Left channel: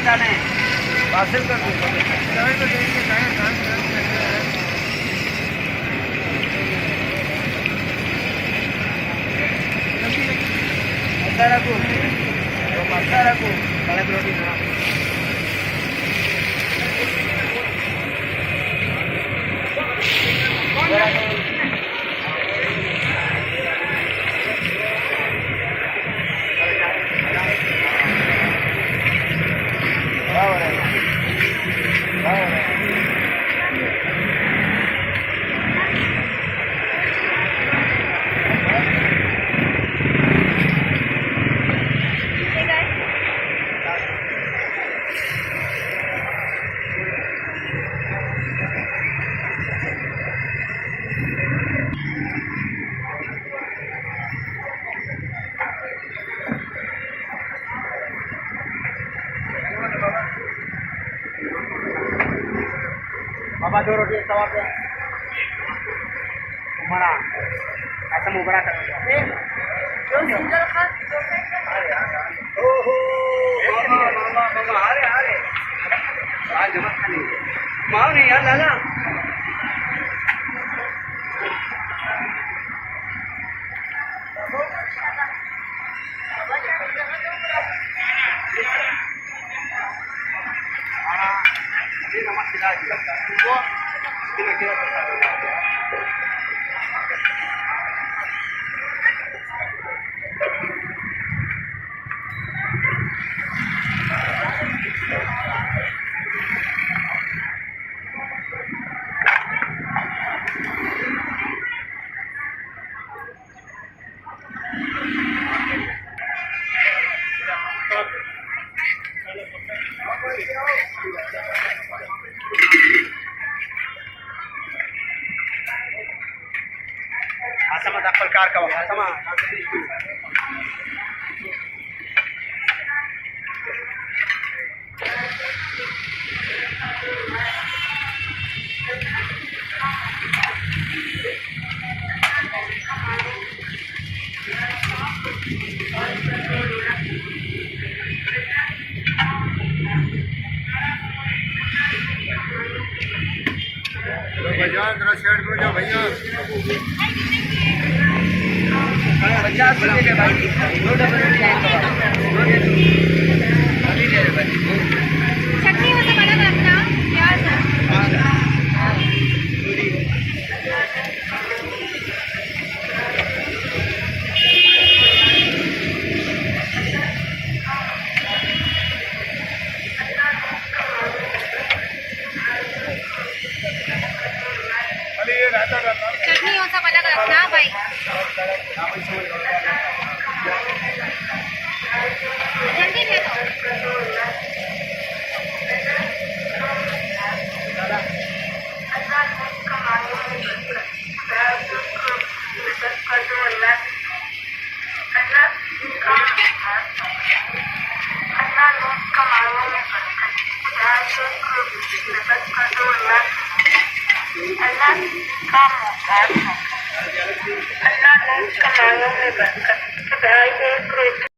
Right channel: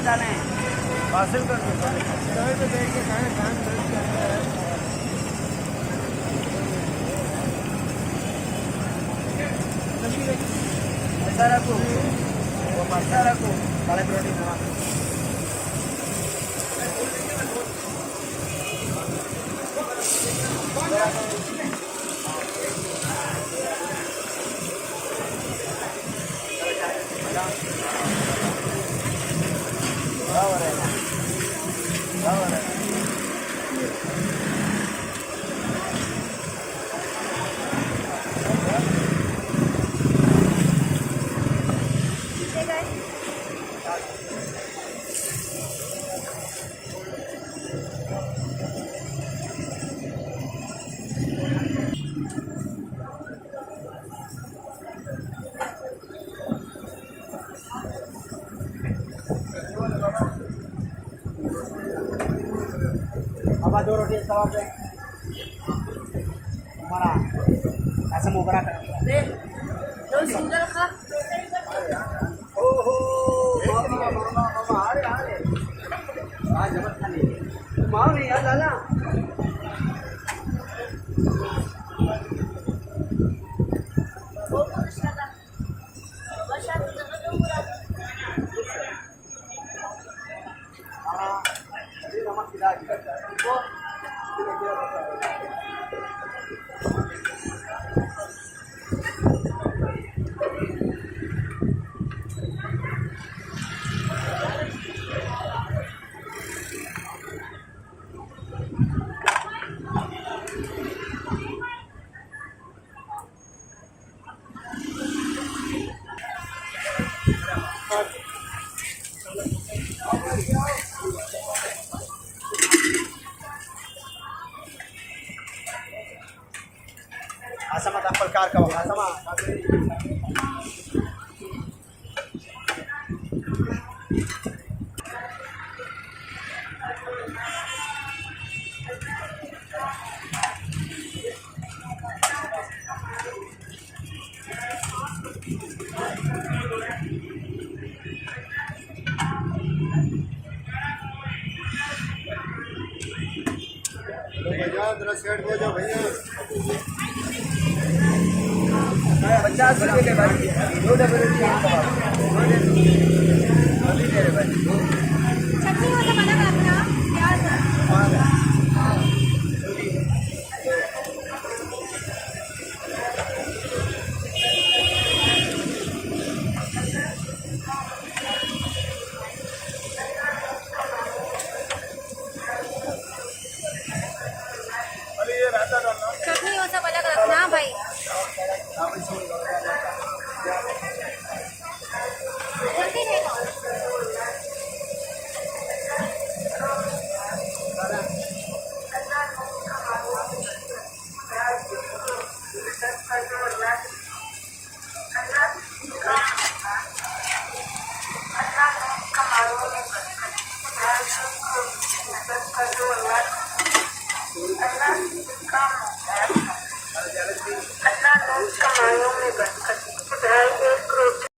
में जाना है, पार्सल कर दो। मसाला को काले परोठी ना बाबा 2 रोटी तवा पे हमारा ऐसा मुबरा कर ओहो मामा आ रहे आज जमत खाली माओ नहीं यार दादा asama tapal car ka asama भैया जरा साइड हो जाओ भैया 50 रुपये के भाई 2 डबल रोटी है कबाब 2 दे दो अभी दे दे भाई चटनी होता बड़ा अपना प्याज चटनी हो सब अलग रखना भाई जल्दी ले अल्लाह ने कमाओं में बरकत